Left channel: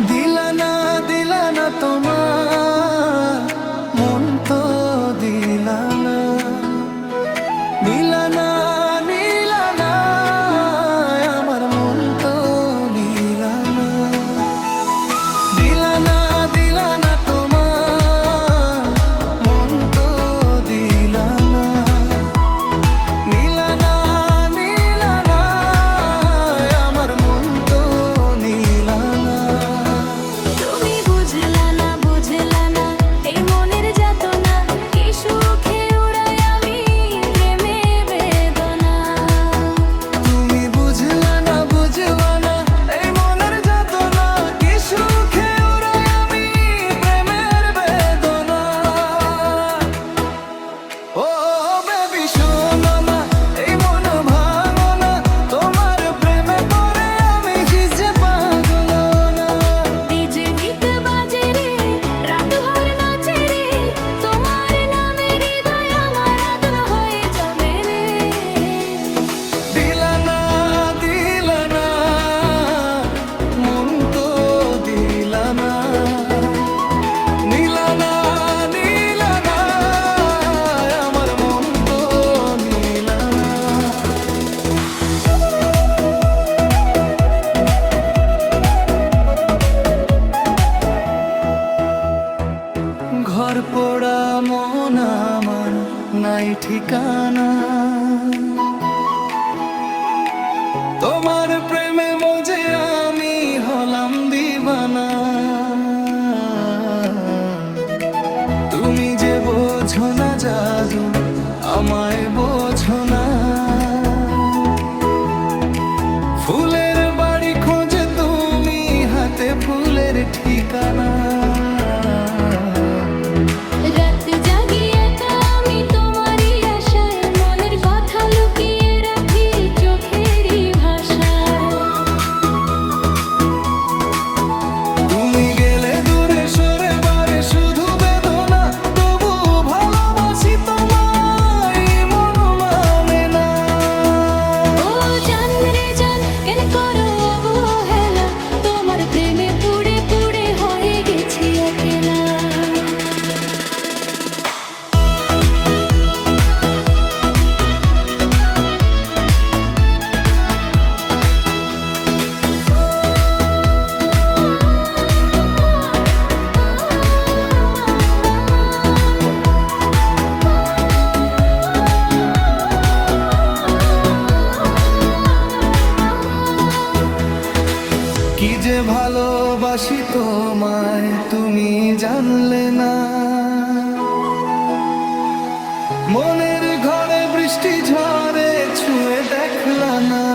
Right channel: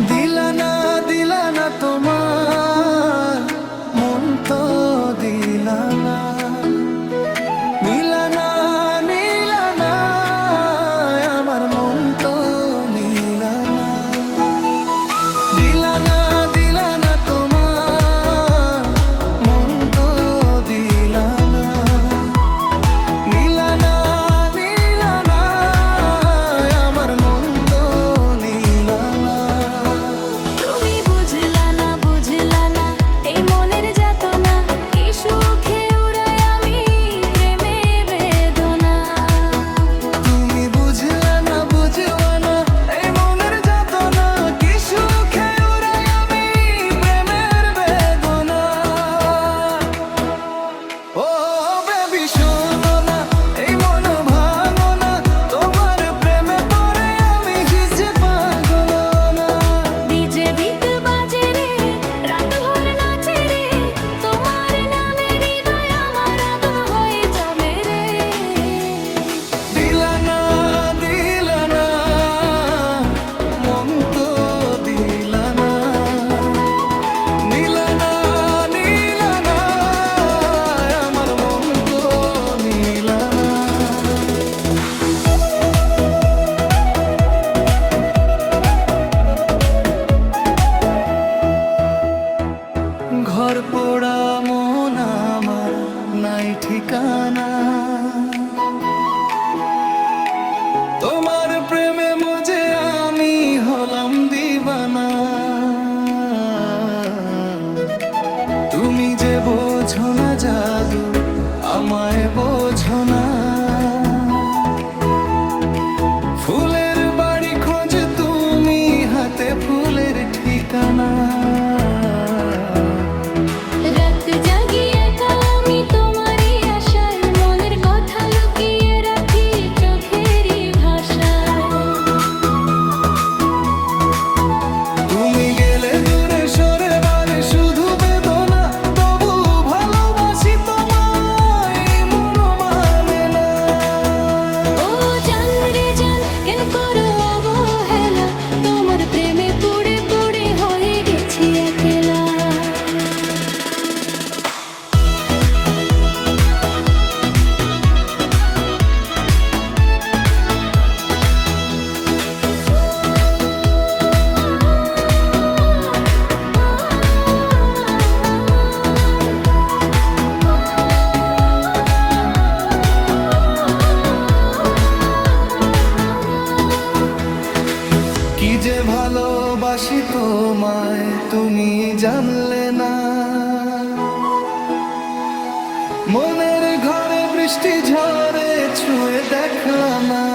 দিলা না তোমার মন তো দিলা না। নীলা না আমার মন তো নীলা না। দিলা না তোমার মন তো দিলা না। নীলা না আমার মন তো নীলা না। তুমি বুঝলা না এই মনের যাতনা, কি সুখে উড়াই আমি প্রেমে বেদনা। তুমি বুঝলা না এই মনের যাতনা, কি সুখে উড়াই আমি প্রেমের বেদনা। ও বেবি শোনো না, এই মন ভাঙো না, তোমার প্রেমে পড়ে আমি ভিজে পাগল না। ডিজে বিট বাজে রে, রাত ভর নাচে রে, তোমার নামে হৃদয় আমার আগুন হয়ে জমে রে। দিলা না মন তো দিলা না। নীলা না আমার মন তো নীলা না। ঘর পোড়া মন আমার নাই ঠিকানা, তোমার প্রেমে মজে আমি হলাম দিবানা। তুমি যে বোঝো না জাদু, আমায় বোঝো না। ফুলের বাড়ি খোঁজ তুমি, হাতে ফুলের ঠিকানা। রাত জাগি একা আমি তোমারই আশায়, মনের কথা লুকিয়ে রাখি চোখেরই ভাষায়। তুমি গেলে দূরে সরে বারে শুধু বেদনা, তবু ভালোবাসি তোমায় মন মানে না। ও জান রে জান, কেন করো অবহেলা, তোমার প্রেমে পুড়ে পুড়ে হয়ে গেছি একলা। কি যে ভালোবাসি তোমায় তুমি জানলে না। মনের ঘরে বৃষ্টি ঝরে ছুঁয়ে দেখলা না।